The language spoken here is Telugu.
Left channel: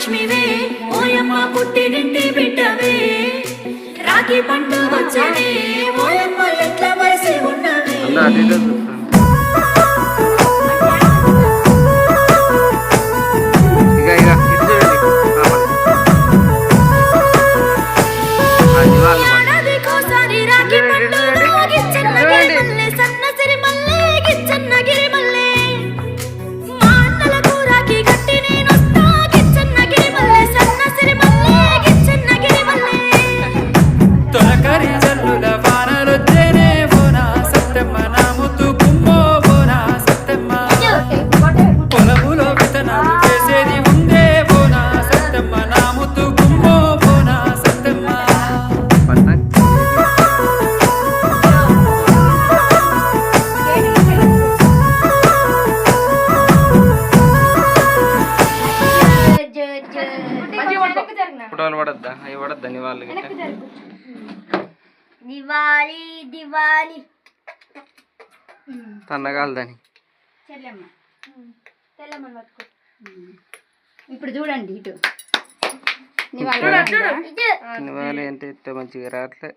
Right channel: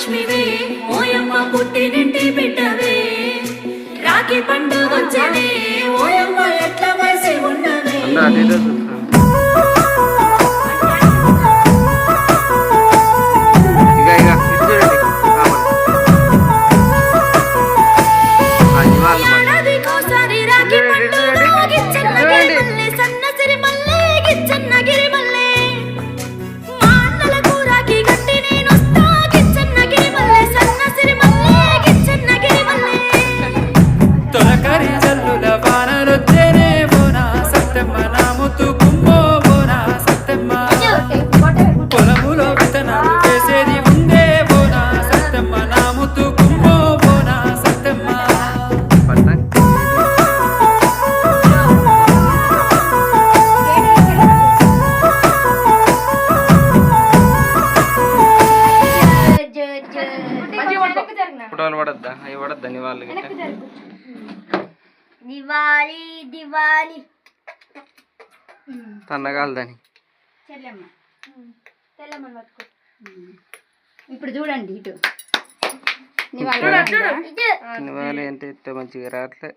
మహాలక్ష్మివే ఓయమ్మ పుట్టినింటి బిడ్డవే రాఖీ పండుగ వచ్చనే ఓయమ్మ ఎట్ల వసి ఉన్నవే ఏడాదికోసారి రాఖీ పండుగ గిచ్చన్న గిరిమల్లె సన్నసిరి మల్లె గిచ్చన్న గిరిమల్లె మా అన్నలకు రాఖీ గట్టి నేనొస్తా గిచ్చన్న గిరిమల్లె సన్నసిరి మల్లె గిచ్చన్న గిరిమల్లె తొలకరి జల్లుల వానలొచ్చేనే బోనా సత్తెమ్మ నా ముత్తు కుమ్మో బోనా సత్తెమ్మ పొలములో విత్తనాలు వేసేది ఉందే బోనా సత్తెమ్మ నా ముత్తు కుమ్మో బోనా సత్తెమ్మ ఫోటోలు పడద్దా అవి పడద్దా నివాళి దివాలి దివాలి తన్నగాలదని ఇప్పుడు చూడండి ఇటు నివాళి అంటే ఇంత మంచిగా రావట్లే